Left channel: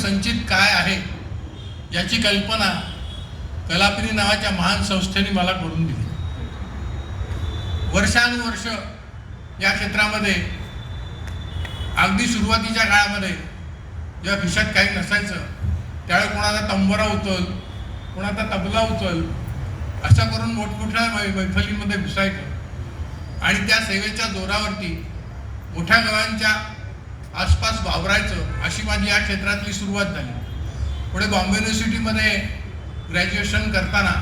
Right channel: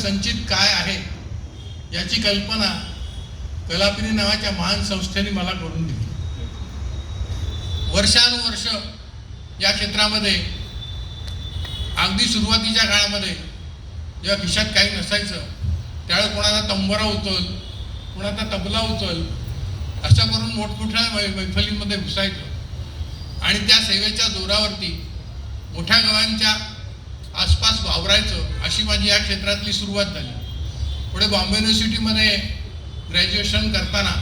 संचित काय आहे याची कल्पना कलापिनी नावाच्या महान संस्थेने मला करून दिली. वर्षानुवर्ष या क्षेत्रामध्ये अगदी सुरुवातीच्या काळामध्ये जेव्हा खिशात काही नसायचं त्यावेळी कोणाचा तंबोरा उचल, कोणाचा तबला उचल, असं करून मोठमोठ्या मैफलीमध्ये घुसायचं आणि त्या सेवेच्या जोरावरती मोठ्या गावांच्या आसपास वावरायचं. अशी माझी या क्षेत्रातली सुरुवात झाली. पुढे बॉम्बे युनिव्हर्सिटीमध्ये ग्रॅज्युएशन करताना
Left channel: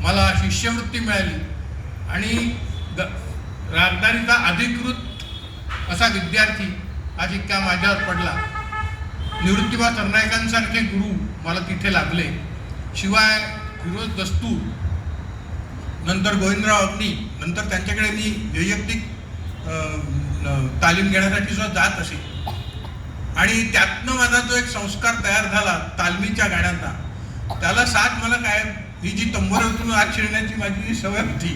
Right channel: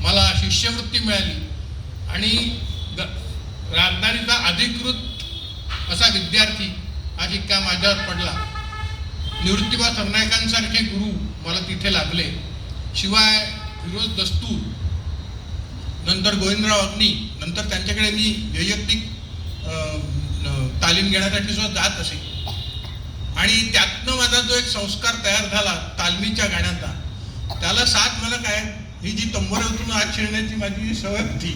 मला शिष्यवृत्ती मिळाली आणि राजधानीचा अधिकृत असा विद्यार्थी हा शिक्का माझ्यावर पडला. निवृत्तीबा सरनाईकांसारखे गुरु मला तिथे लाभले. शिवाय फिरोज दस्तूर, नंतर गोविंदराव अग्नी, नंतर त्यांच्याकडे मी वैयक्तिक तालीम घेण्यासाठी सुद्धा जात असे. आणि त्यातनं माझा जो एक संस्कार तयार झाला तालमीच्या गाण्याचा, त्याला साथ मला काय ही जी तंबोऱ्यातून आत शिरण्याची माझी जी सवय होती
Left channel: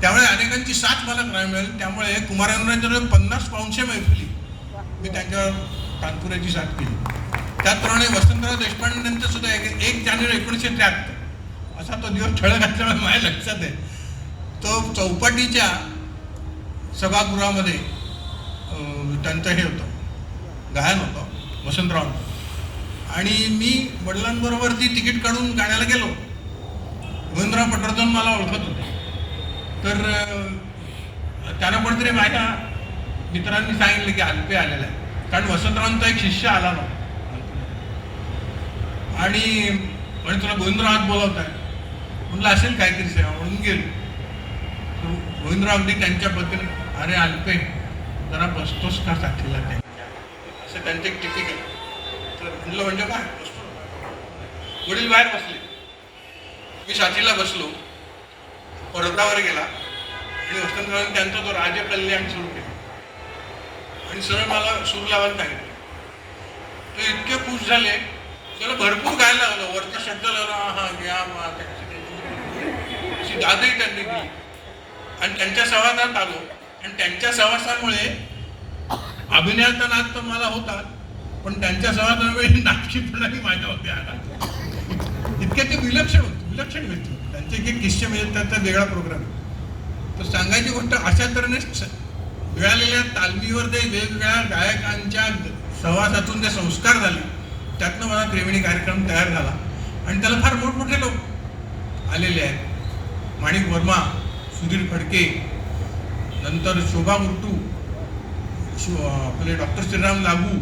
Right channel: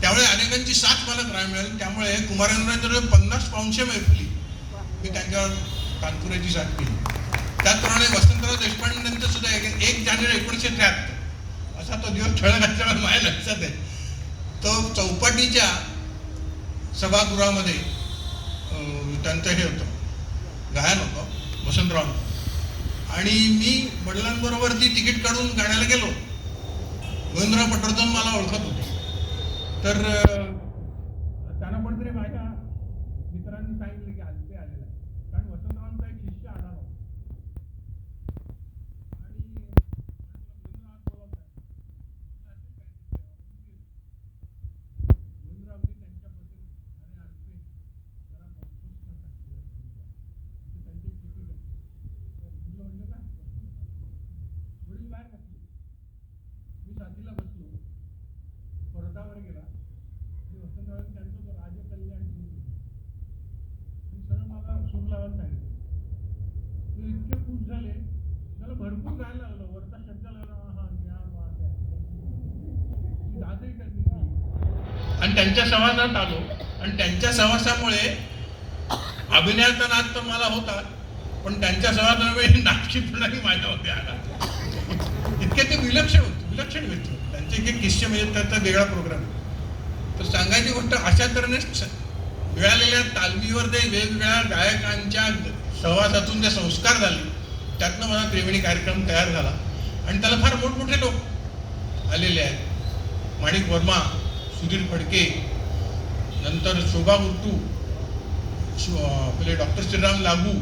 त्यामुळे अनेकांची साथ मला काय मिळाली. त्यामुळे कुमारांच्या 50 पाऊंडशे मैफिली मी त्यांच्यावर कानपुराची साथ केली. त्याचप्रमाणे वसंतराव देशपांडेंचं सुद्धा 1 जानेवारी 1973 असा तो दिवस ठळक असल्यामुळे माझ्या लक्षात आहे. तो चौपाटीच्या सभागृहामध्ये त्यांचं हे होतं, गायन होतं वसंतराव. आणि मी वडिलांबरोबर ती तिकीट काढून गाण्याला गेलो. गोविंदराव पटवर्धन मला ओळखत होते. तर त्यांना कोणतरी माझ्या मित्रांनी सांगितलं की अल्पे आलेला आहे, कारण वसंतरावांचा एक शिष्य आला नव्हता आणि तुला गोविंदरावात बोलवत आहे म्हटलं असेल काहीतरी सेवा म्हणून गेलो. गोविंदराव अगदी त्यांच्या पद्धतीने, अरे अल्पे जरा बसतोस का साथीला त्यांच्या, असं त्यांचं एक टिपिक आहे. तर म्हणलं म्हणजे काय बसतो. वडील बाहेर बसले, मी साथीला बसलो. परतावर गेला आणि वसंतरावांनी त्यांचा तो राजकल्याण सुरू केला आणि सरळ मला सूर लावायला सांगितलं. ते इतके खुश झाले, त्याला भरपूर गायला लागलं. वरचा शब्द लागला, हा घ्या अशी दादही त्यांनी केली. आणि त्यांच्या सहवासात आलो आणि त्यांच्या सहवासामुळे अभिनयाचा नाद तर मला होता, पण त्यांच्या सहवासामुळे नाटकीपणाही माझ्यावरती आला. इतके ते विलक्षण व्यक्ती. त्यांचे एक किस्से म्हणजे त्याचा वेगळा प्रोग्राम. तर सांगायची गोष्ट अशा तऱ्हेने मिळालेल्या तालमीवर ते वेगवेगळ्या गायकांच्या सहवासातून जे संस्कार झाले, त्यातनं मला त्रिवेणी कार्यक्रम तयार झाला. आणि त्याला फार मोठमोठे लोक आलेले आहेत. माणिक वर्मा, सुधीर फडके, नंतर शोभा गुट्टू, आपले डॉक्टर श्रीराम लागू,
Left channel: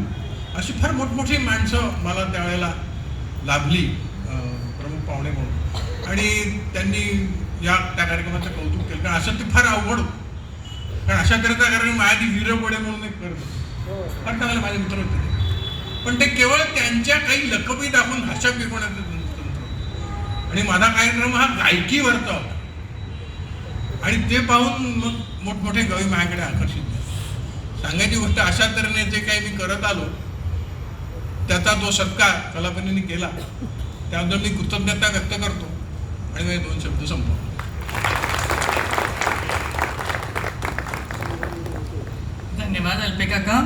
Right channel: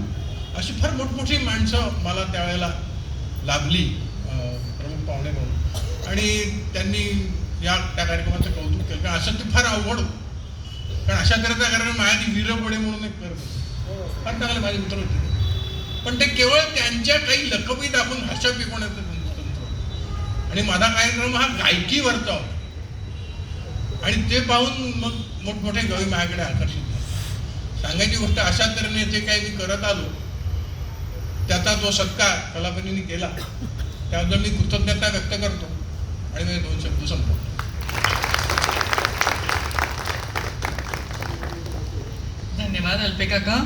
अशी फार मोठमोठी माणसं मला त्यावेळेला लाभली प्रमुख पाहुणे म्हणून. आणि त्यांनी त्या कार्यक्रमाचं कौतुक केलं. कारण असं ते फार अवघड होतं, कारण अशा तऱ्हेचा कार्यक्रम माझ्या ती वीरबोडे म्हणून एक करत फार चांगले माझे मित्र होते. पण ते केवळ त्यांच्या काही लकबी दाखवून भाषा पिकवण्याचं तंत्र. आणि माझा कार्यक्रम हा गायकीवरचा होता आणि ते पाहून मग मोठमोठे कवी माझ्याकडे आकर्षित झाले. सांगायची गोष्ट अशा तऱ्हेने जे काही मी करत आलो त्याचा जो सत्कार कलापिनीने केला त्याबद्दल मी कृतज्ञता व्यक्त करतो आणि मी 2 शब्द संपवतो. धन्यवाद अल्पे काका.